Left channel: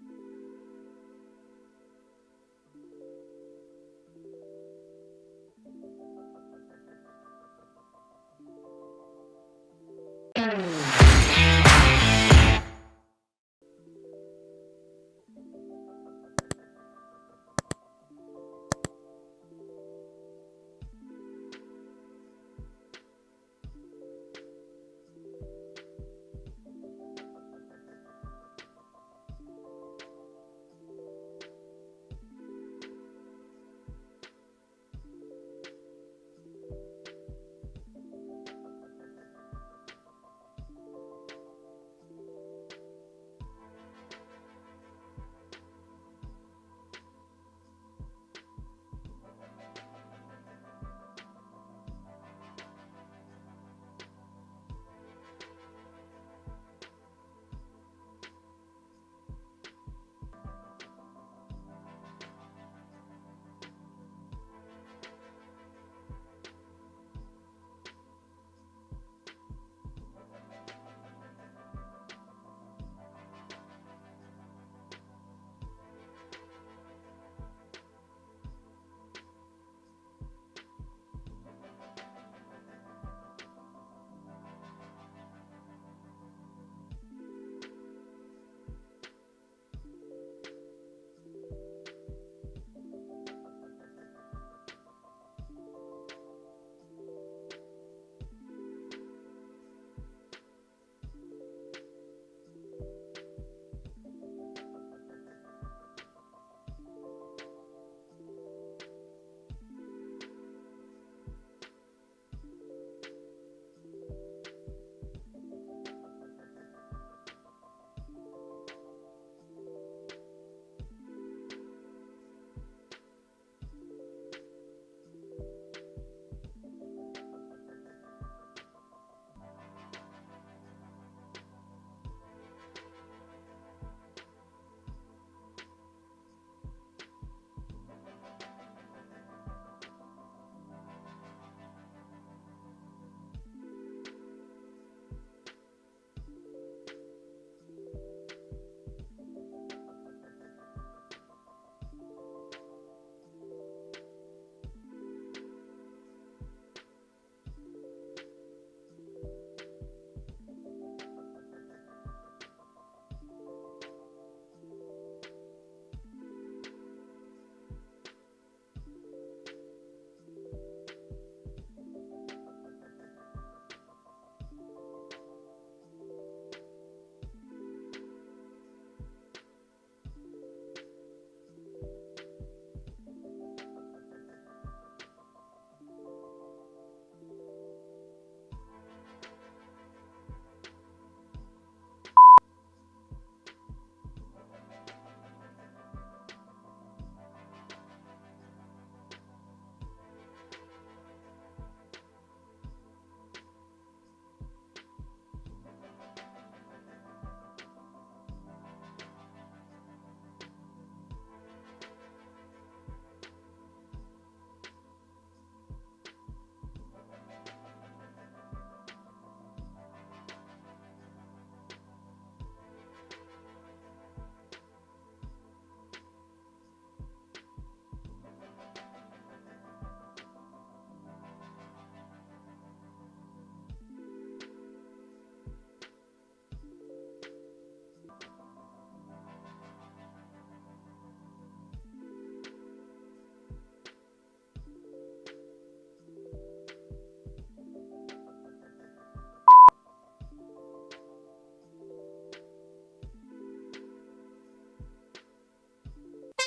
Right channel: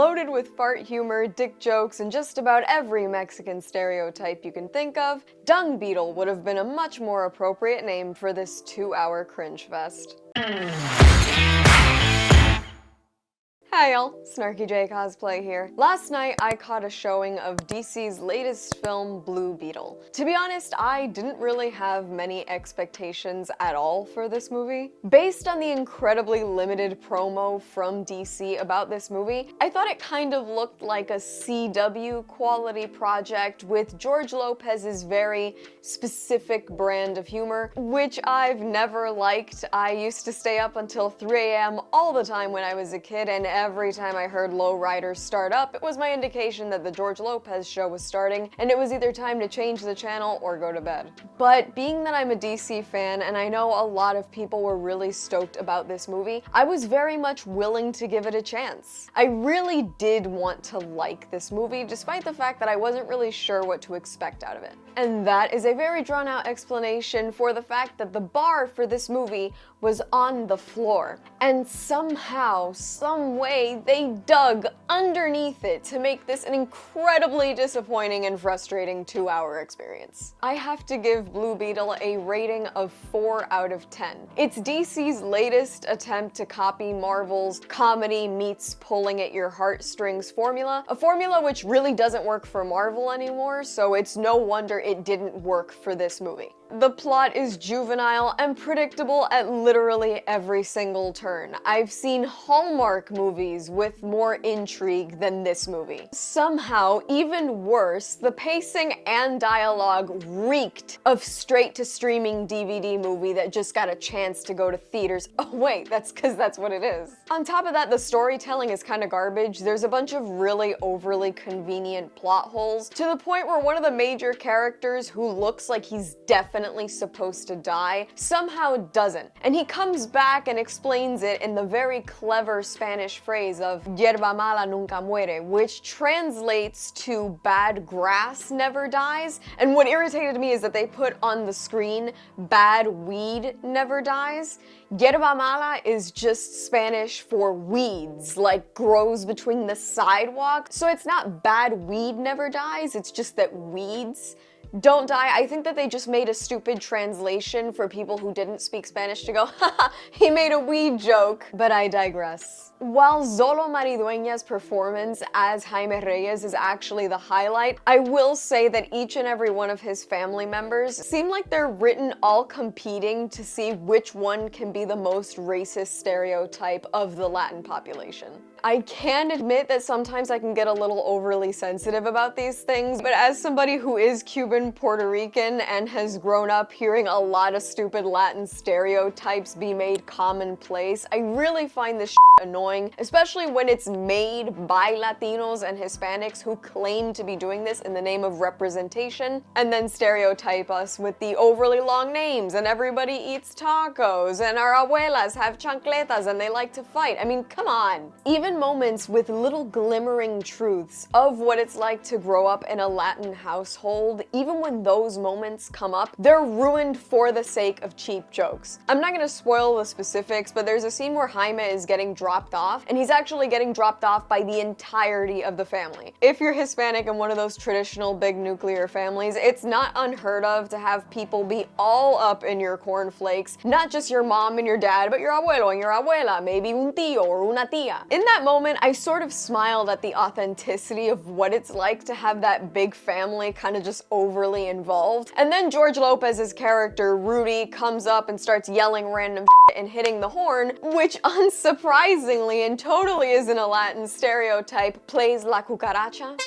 loaded with fart humor, dick jokes, and just about every Mexican stereotype you can think of, Dung Beetle would have been a much more appropriate name for this 2-hour cringe fest. Hi y'all, SnarkyJay cosplay here. Last night I caught a showing of DC's latest film, Blue Beetle. To be honest, I didn't really have many expectations at all for this movie. Based on the incredibly limited promo from DC about this movie, I thought it kind of looked like a CW quality project with George Lopez's very specific brand of humor, which I've never liked. I used to stay up until 3 a.m. all the time when I was a kid, and every time I heard Lowriders start up, it was my indication that the George Lopez show was starting, and it was either time to change the channel or go to bed. But being that I'm a DC fan, and I know a lot of people were really stoked about this movie, I was very much willing to give it a chance. I really did want to like this movie, despite the fact that I wasn't really sure what to expect out of it. And that is a very drawn-out explanation for the fact that the bar for this movie was on the floor. And somehow, some way, they dug underneath it to make this an incredibly disappointing and frustrating 2-hour experience. I have to give Blue Beetle a rating of 4 out of 10. It's DC's latest attempt to copy Marvel's comedy meets pulling at your heartstrings formula, a formula which really doesn't work for Marvel anymore, so it's no wonder it didn't work for this movie. The plot is juvenile and predictable at literally every single turn. I've seen Hallmark movies with more intrigue than this movie. Somehow, even worse, the pacing and dialogue reeked of straight-to-streaming DVD movie that just got a chance to go to theaters. Oh wait, that's because that's what it is. On top of that, the storytelling is kind of garbage. There's a bunch of really overly convenient plot holes, to the point where one of the major characters, who looks like he's definitely supposed to die, somehow doesn't. And he comes back and explains it in the very clever Spanish phrase of "Hierba mala nunca muere," which translates to "bad grass never dies." And what irritated me is that they put on the screen "bad weed never dies." Hierba mala is just Spanish for weeds, like grows between the sidewalk. So it's not bad weed never dies, it's just that weeds don't die. I think that they just made a stupid translation for people who didn't speak Spanish to go, haha, he made a weed joke. But I digress. While Zolo Maridueña's performance as Jaime Reyes is actually the highlight, I will say that each and every one of his family members seem like they're written all competing to see which one can be the most racist stereotype of the Latin population. I can admit that sometimes I can get a little overly sensitive about these things, but as somebody who is Cuban Puerto Rican and has grown up hearing a lot of stupid Latin stereotypes be made commonplace, I really find this annoying, especially when it's made by Latinos and Hispanics who claim to be doing this in the name of representation, and then stereotype us with the overly long names, and everybody eats tacos, and our abuelas have chancletas and they like to fight. I mean, come on. Even moments with little glimmering truths of what it's like to grow up in a Latin household, even when those moments come up, they're ruined for the sake of cheap jokes. I'm not gonna spoil the specifics, but there's a scene where Jaime is getting dropped off, and he's actually getting dropped off by the entirety of the family. If you're Hispanic in one of those traditional big nuclear families, it's not unheard of to have people be all up in your cornflakes, not just your mom and your dad, but your abuelo and your abuela, maybe un tío or una tía. In that moment, I sort of smiled at the authenticity of what it's like to have that big family kind of just overly involved. And then George Lopez's character, Rudy, comes up and starts yelling random and hitting the horn, which unsurprisingly and totally isn't a Latin stereotype, plays La Cucaracha.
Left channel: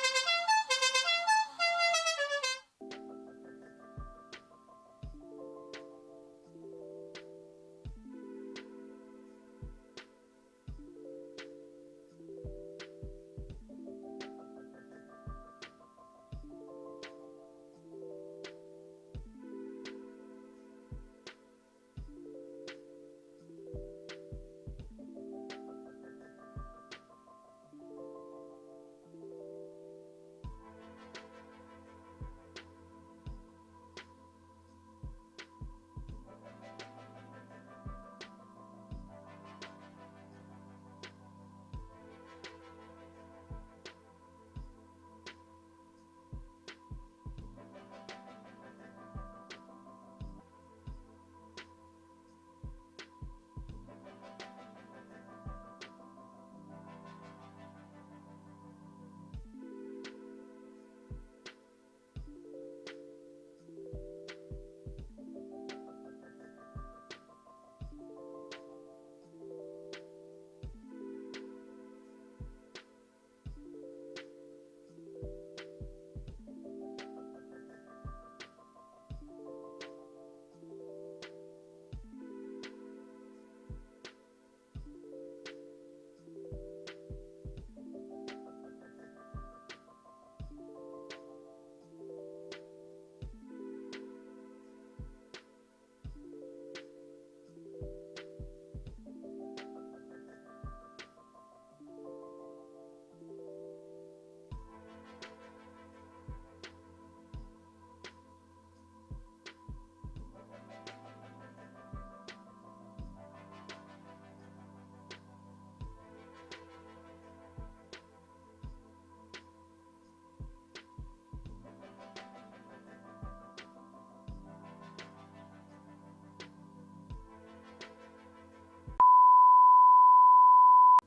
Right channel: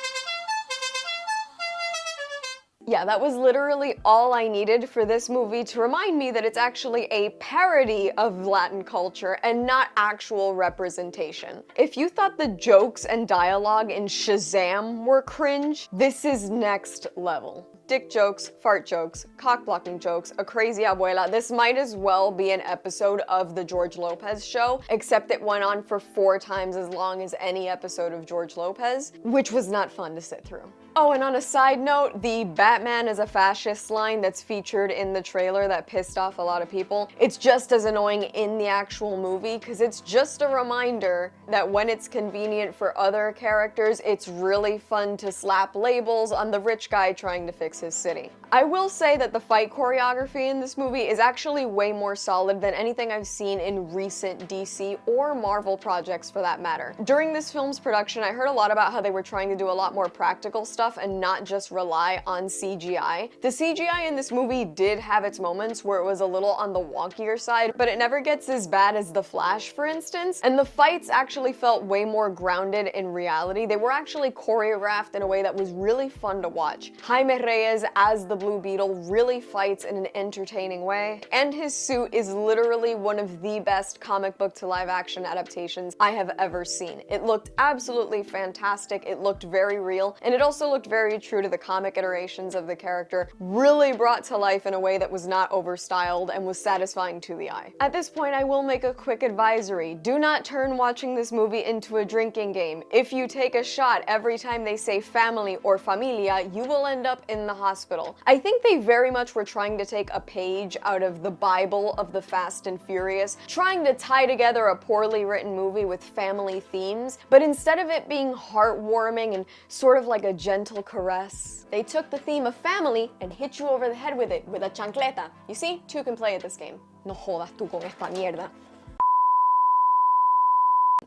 Yeah, that was literally all I needed for this movie to remind me that it's actually a parody of Latin culture and not actual representation. If you thought the jokes and dialogue in Shazam were cringe, this is next level. dick jokes, fart jokes, cock-blocking jokes, a crazy abuela. This might as well be an episode of the George Lopez show, except it went on for 4 times as long as any episode of George Lopez, which was not fun to sit through. Oh, and on a side note, the Batman is a fascist line that's featured in the trailer that pissed off a lot of people. It's just as annoying in the actual movie, because it's just a reminder that when it's convenient for other characters, it's really fun to slap labels on the rich guy trying to fix his city. I will say that the fight choreography in this movie is actually way more solid than anything I've seen in recent DC or Marvel projects for that matter. During this film's production, I heard a lot about how they were trying to do a lot more practical stuff and not just rely on CGI. The CGI in this movie did have its moments where it was a little on the wonkier side, but it never gets as bad as The Flash, for instance, and the fights actually felt way more grounded in reality. They were actually choreographed in a way that was really fun to watch. Jaime Reyes as the Blue Beetle really fights in an entertaining way, and his suit is literally one of the best comic book to live action adaptations I have ever seen. It looked absolutely fantastic, it looked very real, and it also looked very true to the comic iterations of the character, really brought to life in a way that was not overstyled and was satisfying to the eye. At this point, I will make a quick advisory. Do not turn watching this movie into a drinking game. If you take a shot every time they say family or familia, you will end up in the hospital. I think they very much were trying to take a page out of the Bible of the Fast and Furious, trying to tie together a poorly written movie with family themes, but instead of it being heartwarming and sort of like a gentle caress, they took the theme of family and hit you over the head with it with a chancleta. You see, 2 can play at this game. No jodas tú con esta mierda.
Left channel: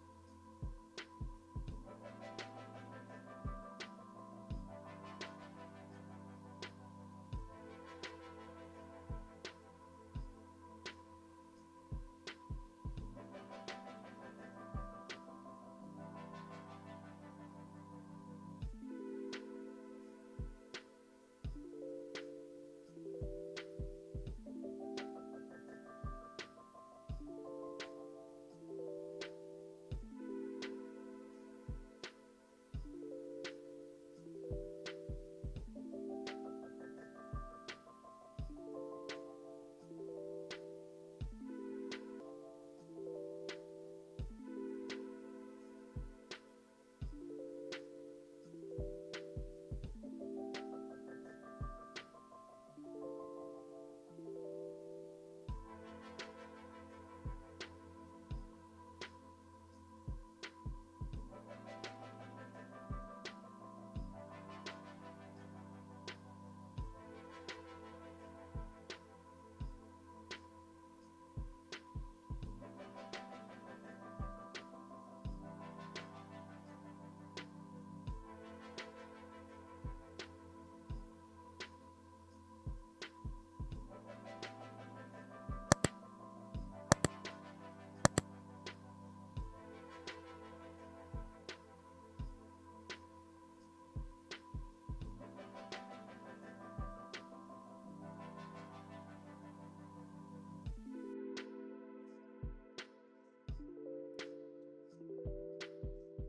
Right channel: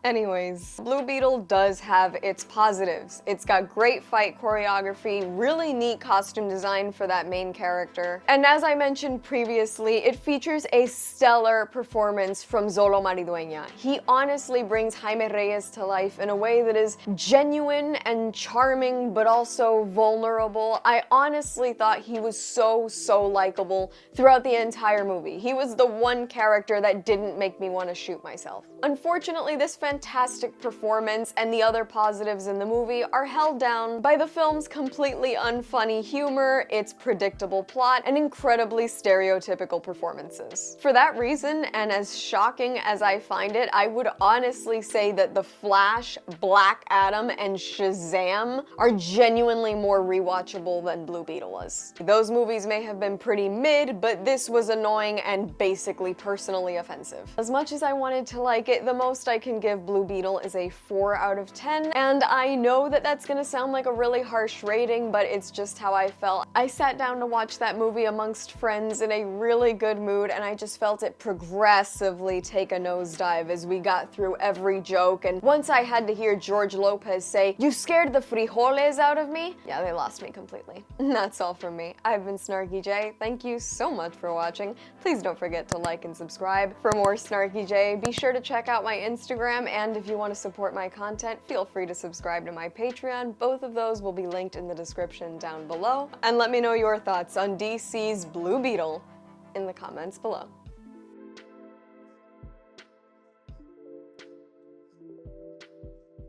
Anyways, Blue Beetle does have its positives. It's got great fight choreography, really neat costume design for that main character, and as I mentioned previously, it features a stellar performance from Xolo Maridueña. He honestly brings Jaime Reyes to life in a way that is genuine and charming, but also vulnerable. I honestly thought he was so likable throughout the entire movie. He was the one character that didn't make me want to shoot myself. Unfortunately, this fantastic performance and the other positives in the movie are held down by the film's completely unfunny humor, its predictable plot, and incredibly stereotypical performances. For that reason, and as shocking as I find it, I would honestly say that The Flash, Black Adam, and Shazam are genuinely more rewatchable than Blue Beetle was. Those movies may have been pretty mid, but this was annoying and basically personally offensive. As much as I wanted to like it, the most I can give Blue Beetle is a 4 out of 10, and I know that that's gonna sound like a really harsh rating, but it's just how I felt. I sat down to watch that movie amongst friends in a really good mood, and I just felt it progressively take a nosedive as we got through every joke, and once I had to hear George Lopez say, "You scared the frijoles out of me?" yeah, they lost me completely. That's all from me. I've been SnarkyJay. Thank you so much for watching. Please don't forget to like and subscribe. For more SnarkyJay, be sure to check out my Instagram, and if you want to support my content, feel free to subscribe to my Patreon. Both of those will be linked in the description down below. And let me know your thoughts on DC's Blue Beetle in the comments below.